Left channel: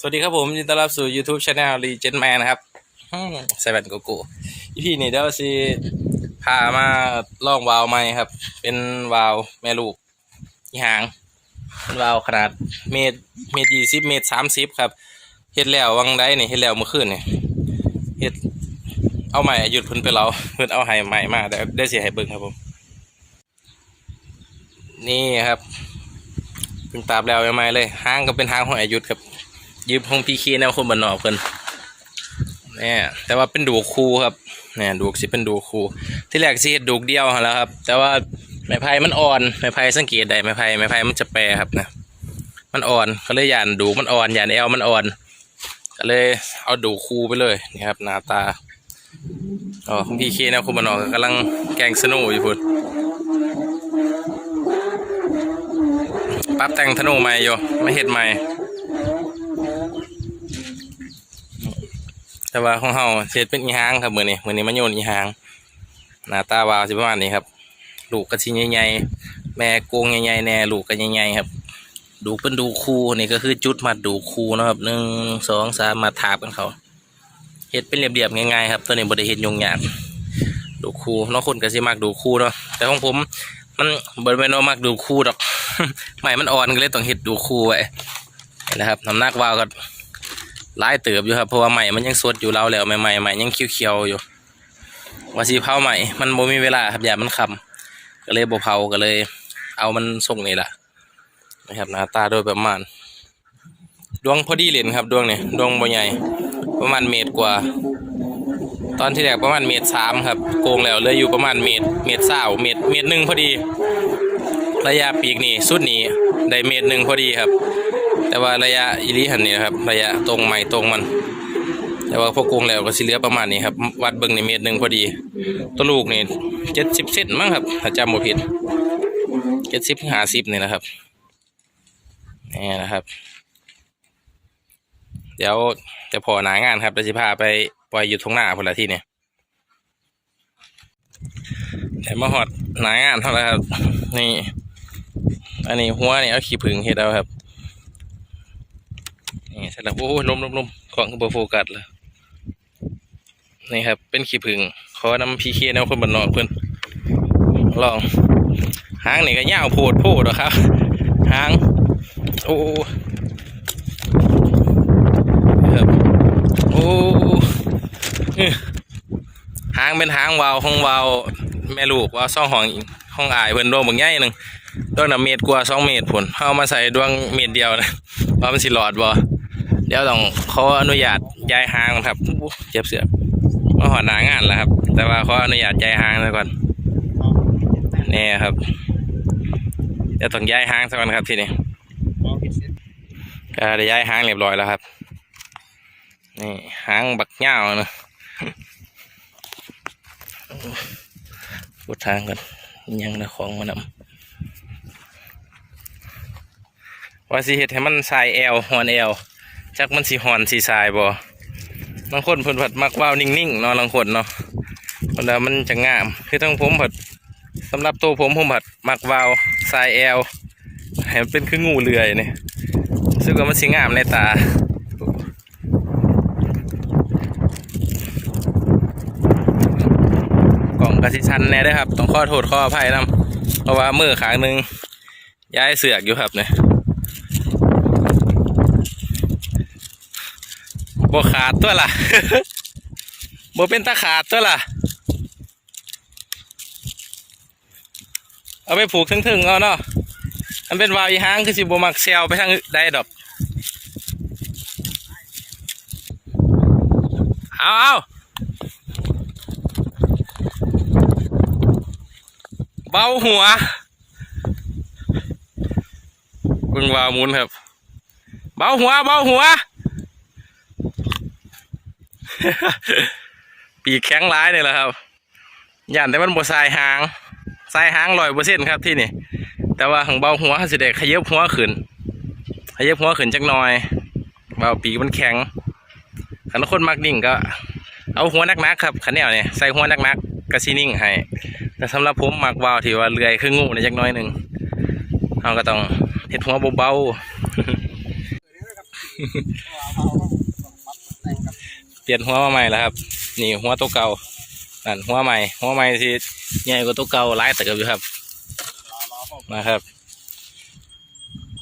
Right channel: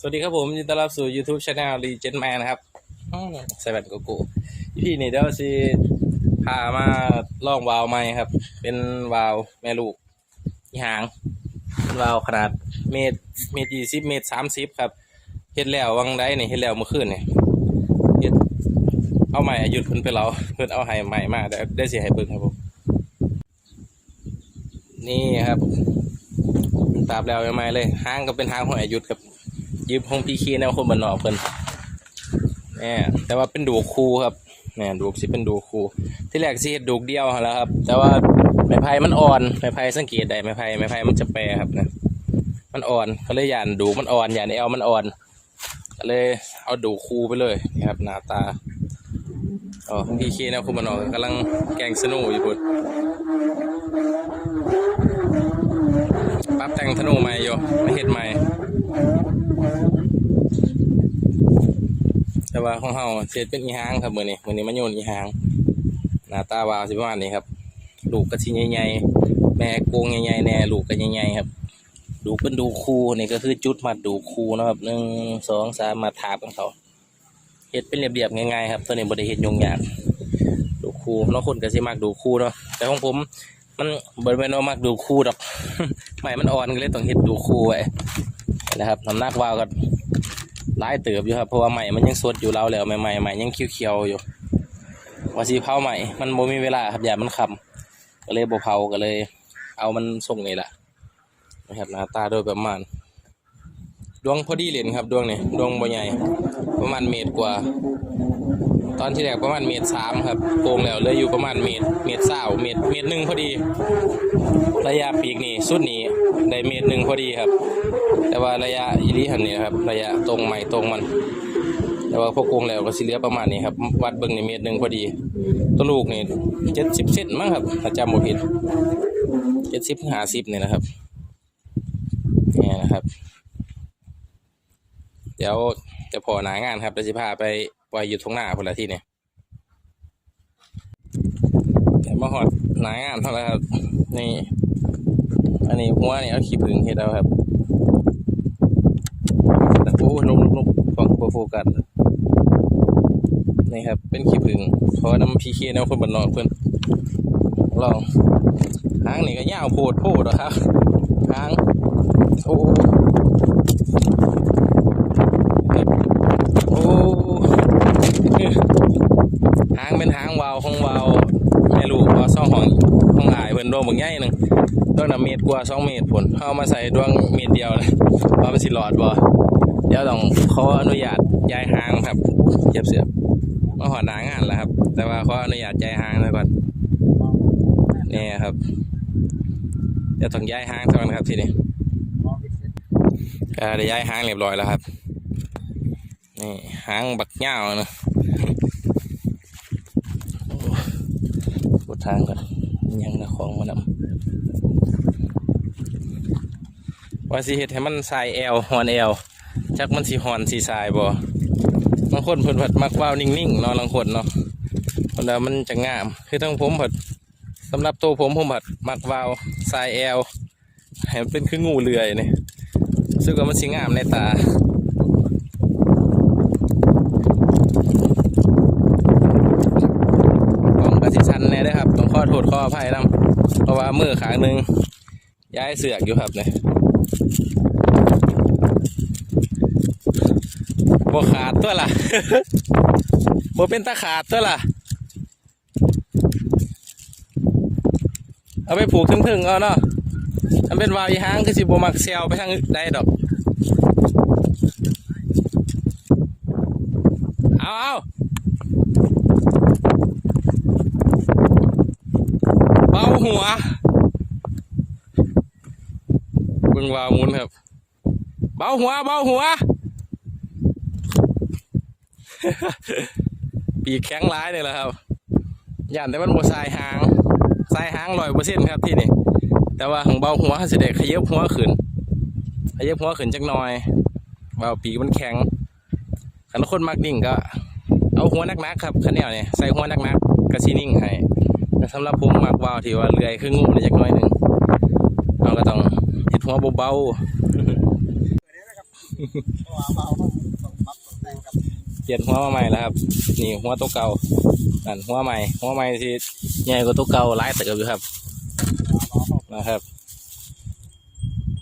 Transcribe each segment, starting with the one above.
สวัสดีครับผมยินดีต้อนรับสู่ YouTube Channel Legend Man นะครับเซเว่นโกโก้อีพีนี้เดี๋ยวสิพามาลองวาล์วใหม่ครับ เป็นวาล์วแม่ลูกอีหางเป็นวาล์วขนาดเมตรเมตรยี่สิบเมตรสามสิบครับเฮ็ดแล้ววังได้เนี่ยเฮ็ดแล้วเมื่อคืนเนี่ยเฮ็ดเอาใหม่หยุดเพิ่นไปเราเพิ่นเอาให้ใหม่มาเดี๋ยวได้เสียให้เบิ่งครับผม นี่ครับเพิ่งตาบแล้วใหม่เลยหางก็เป็นหางของอายุทธครับ ยืมของพีคีแนวคนบันนอกเพิ่นเนี่ยแต่ว่าเป็นดูกคูครับเนี่ยดูกสิเป็นดูกคูที่แรกสิเฮ็ดดูกเดียวหันแล้วครับ แต่ว่าไม้ไผ่มันอ่อนไม้ไผ่สังเกตได้ไม้ไผ่ไม้ไผ่มันจะแปรครับนะมันอ่อนก็เลยย่านดูกมันอ่อนย่านแอวมันอ่อน ก็เลยเอาดูกคูไปเลยนี่ครับหน้าตาอ๋อของพี่เคแนวคนบันนอกกำลังแกงสนุอยู่พุ่นปรับแต่งธนูใหม่อยู่ไม่เฮ็ดใหม่ แต่ว่าของเฮาเฮ็ดเป็นอีหางครับมือนี้มือนี้มันโยนอีหางหน้าตาวาวสิประมาณนี้ครับลูกก็สิใหญ่ๆแม่โกงใหญ่ๆแน่ลูกก็ใหญ่ๆครับดูเป็นดูคู่นี่ก็คือจุดมัดดูคู่นะครับหนึ่งสองสามมาทาบกันเขาเฮ็ดเป็นเรียบๆง่ายๆครับตัวนี้บ่ได้เฮ็ดยุ่งยากดูคู่เนาะคนก็สิมักดูคู่เนาะแต่ของผมมันบ่ได้แม่นว่ามักดูคู่ดอกใหม่มันอ่อนก็เลยต้องเฮ็ดดูคู่ไว้ นะครับน้ำหนักวาวก็หลายเติบอยู่ครับเพราะว่าใหม่มันยังสดอยู่เราแล้วใหม่ใหม่ใหม่ยังเขียวๆอยู่ว่าสีเผาใหม่มันบ่มีเวลาครับอย่ามันคำก็เลยบ่เผาก็เลย เอามันส่งนี่แหละนะครับหน้าตาโดยประมาณ ดวงพอดีเหรียญครับดวงนี่ดวงบ่ใหญ่ประมาณเมตรกว่า ตอนที่แรกประมาณเมตรสามครับโกงแล้วเลยอยู่ประมาณเมตรเมตรเศร้าเมตรเมตรหนึ่งพอดี ระยะปีกนี่สุดนี้ ได้เมตรหนึ่งพอดีครับ แต่ว่าระยะอีหลีหันนี่ครับ ระยะตรงใหม่ตรงมัน แต่ว่าพวกโกงแล้วก็สิเหลือประมาณนี้ครับ วัดเบิ่งในเมตรหนึ่งพอดี ตัวลูกนี่เจ็ดสิบเซนมั้งครับถ้าจำบ่ผิดเจ็ดสิบห้าสิบนี่นะครับนี่นะครับ เดี๋ยวจะพอหนางานครับเดี๋ยวจะพาไปปล่อยอยู่ทงหน้าพนละที่เนี่ยเดี๋ยวมาหอดหนางานเท่าไหร่ครับ นี่ อันนี้หัวนี่เอาขี้ผึ้งเฮ็ดเอาครับนี่สร็จแล้วโอ้ยนมนมนมกล่องเบอร์โฟกัสเลยนี่ครับ เป็นขี้ผึ้งขอนำพีเคแนวคนบันนอกเพื่อนลองหางนี่ก็ยาวโพดโพดหรอครับหาง โอ้ครับโอ้หางเป็นหางวาวของวาวแม่ลูกว่าซ่องห้องห้องอายเพิ่นโดนบางใหญ่หนึ่ง ดวงน่ะเมตรกว่าสองเมตรผลเอามาใส่ดวงเมตรเดียวนะว่ามันสิหลอดบ่เดี๋ยวต้องขออนุญาตย้ายหางครับเจ็บเสียบมาหอดหนางานแล้วครับ แต่ว่าขออนุญาตย้ายหางซะก่อนนี่ครับเดี๋ยวต้องย้ายหางซะก่อนครับทีนี้ก็ได้ย้ายหางเรียบร้อยแล้วครับนี่หางบักเง่าวนะปวดทางก่อนยังละของมานำ ว่าสิเฮ็ดให้มันสายแอวหอนแอวจักมันสีหอนสีทรายบ่บางคนเพิ่นผัดมักว่าวนิ่งๆเนาะบางคนเนาะคนละมันจะงาม คือทั้งผมผัดสำหรับตัวผมผมผัดมักว่าวทรายแอลให้มันเป็นคืองูเลื่อยนี่ซึ่งว่ามันสีงามในตาองกระสิชันแน่ด้อครับ ต้องขอโทษขออภัยนํเพราะว่ามือขางหนึ่งย้ายเสือกอยู่ครับเนี่ย บ่ขาดตัวล่ะบ่เป็นตาขาดตัวล่ะ เอาไปผูกถึงๆเอาเนาะอันเป็นวาวอีหางคือสิบ่มักเซลไปทางใดดอกเอาเอาเบาหัวเบิ่งวาวมุนครับ เบาหัวเบาหัว ปีกแข็งร้ายเลยแหละครับย่านแต่มันบสายหางสายหางลอยเปอร์เซ็นครับที่นี่ แต่ว่าของเบาหัวสิเด็กขยับหัวขึ้นขยับหัวขึ้นจักหน่อย เบาปีกมันแข็งขันคนมักนิ่งก็ เอาหัวนักๆครับขันแนวเนี่ยใส่หัวนักๆกระชีนิ่งให้แต่สำหรับผมมักวาที่ว่าเลื่อยคืองูในจักหน้อยหนึ่งเราก็ต้องเห็ดหัวเบาๆ เปลี่ยนหัวมาใหม่แล้วครับ นี่หัวตัวเก่านั่นหัวใหม่ หัวใหม่ที่ใหญ่กว่าตัวเก่าหลายเติบอยู่ครับนะครับ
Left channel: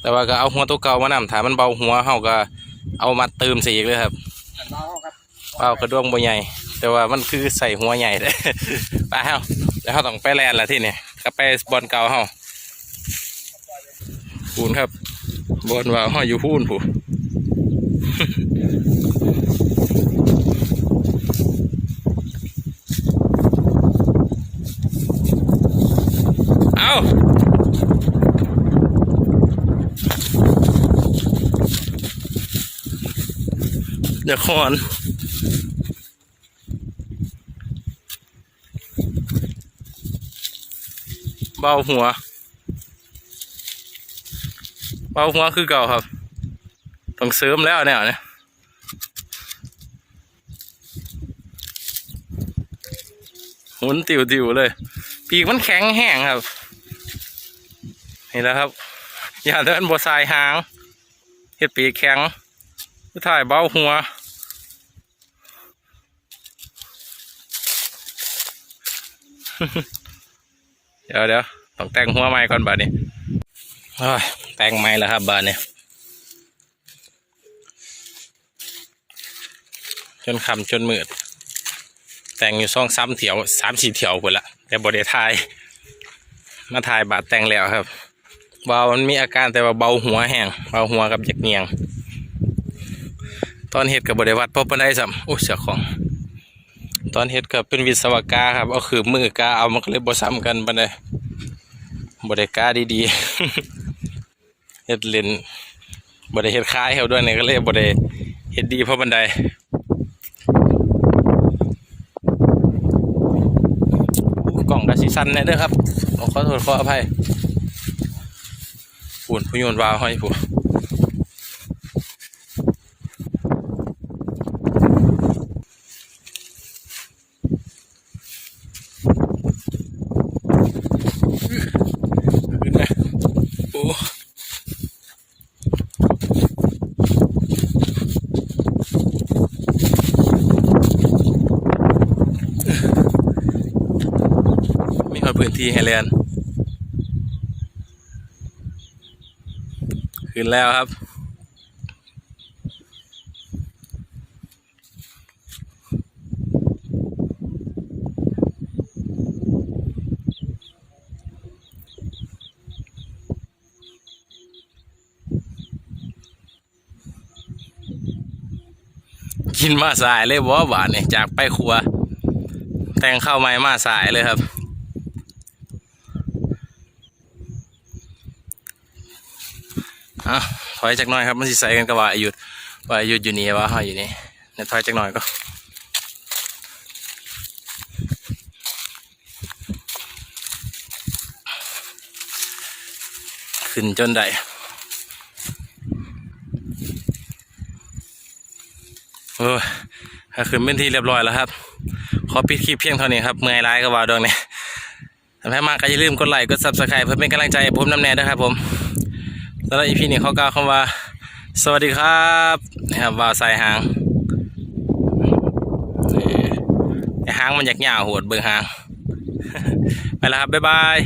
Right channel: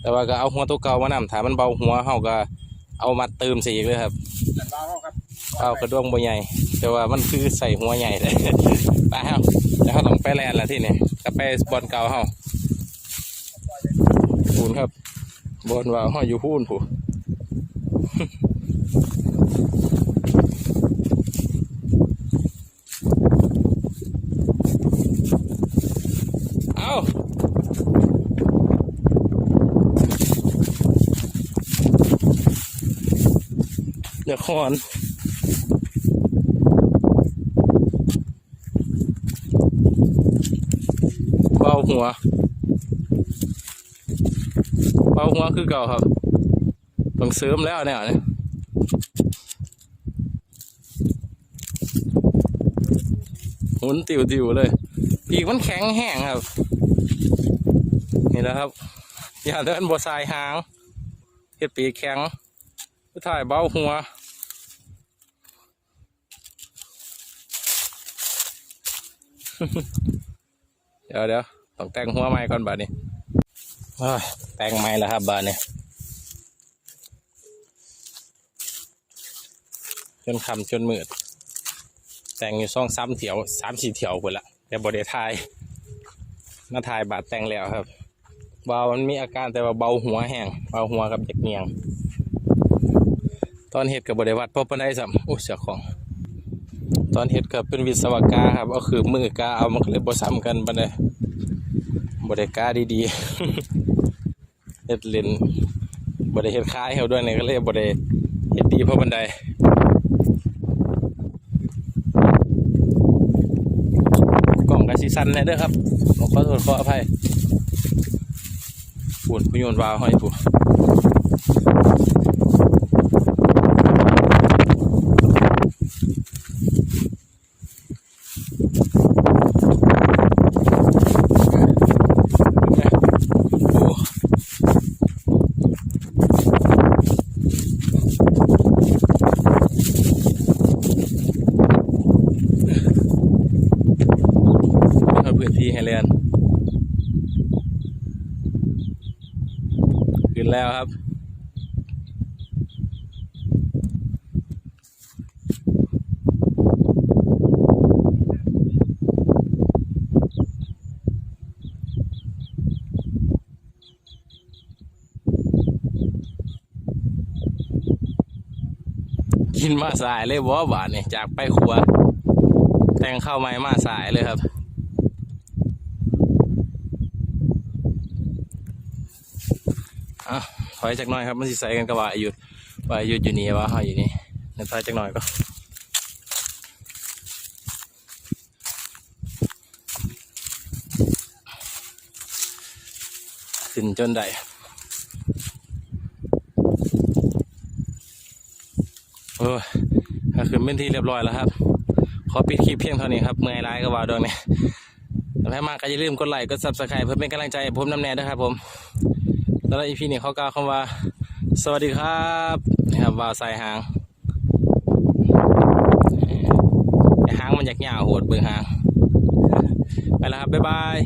แต่ว่าก็เอาหัวตัวเก่ามานำถามันเบาหัวเฮาก็เอามาเติมใส่อีกเลยครับเราครับเปล่ากระด้วงบ่ใหญ่ แต่ว่ามันคือใส่หัวใหญ่เลยไปเฮาแล้วเขาต้องไปแลนด์ละที่นี่กลับไปบอลเก่าเฮาพูนครับบอลว่าเฮาอยู่พูนผู้ เอาเดี๋ยวคอนเบาหัวเบาหัวคือเก่าครับ ต้องเสริมแล้วเนี่ยเนี่ยหมุนติวติวๆเลย ปีกมันแข็งแห้งครับ นี่แหละครับ อย่าเดินบวสายหางเห็ดปีแข็งผู้ถ่ายเบ้าหัว เดี๋ยวเดี๋ยวต้องแต่งหัวใหม่ก่อนบาดนี้โอ้ยแต่งใหม่แล้วครับบาดนี้จนคำจนมืด แต่งอยู่สองสามเถียวสามสี่เถียวหมดละแต่บไดทายมาถ่ายบาดแต่งแล้วครับ เบามันมีอาการแต่ว่าเบาหัวแห้งเบาหัวกับจักเงียง ตอนเห็ดกับบไดวัดพบปันได้สัมโอ้เสียของ ตอนเฮ็ดก็เป็นวิศวกาครับเอาคือมือกาเอามันก็เลยบ่ซ้ำกันปานใดบ่ได้กาดีๆเฮ็ดเล่นบ่ได้เฮ็ดคล้ายเฮาด้วยนี่ก็เลยบ่ได้เฮ็ดดีเพราะบันไดกล่องกะสิสั่นแน่เด้อครับขอโทษขออภัย ปุ่นผู้โยนวาวให้ผู้โอ้มีพื้นที่ให้เรียน ขึ้นแล้วครับ กินมาสายเลยบ่บาทนี่ยจากไปครัว แต่งข้าวใหม่มาสายเลยครับ อะถอยจากหน่อยครับมันสิใส่กันกับว่าอายุดว่าอายุดอยู่นี่ว่าเฮาอยู่นี่เดี๋ยวถอยจากหน่อยก็ขึ้นจนได้เออก็คือเป็นที่เรียบร้อยแล้วครับ ขอปิดคลิปเพียงเท่านี้ครับเมื่อยร้ายก็ว่าดวงเนี่ยถ้าใครมากก็อย่าลืมกดไลค์กดซับสไครป์เพื่อเป็นกำลังใจผมนำแน่ด้วยครับผม สำหรับอีพีนี้เขากล่าวคำว่า สวัสดีครับนะครับวาวใส่หางหางมันอยากหยาวโหดเบิ่งหาง ไปแล้วครับ บ๊ายบาย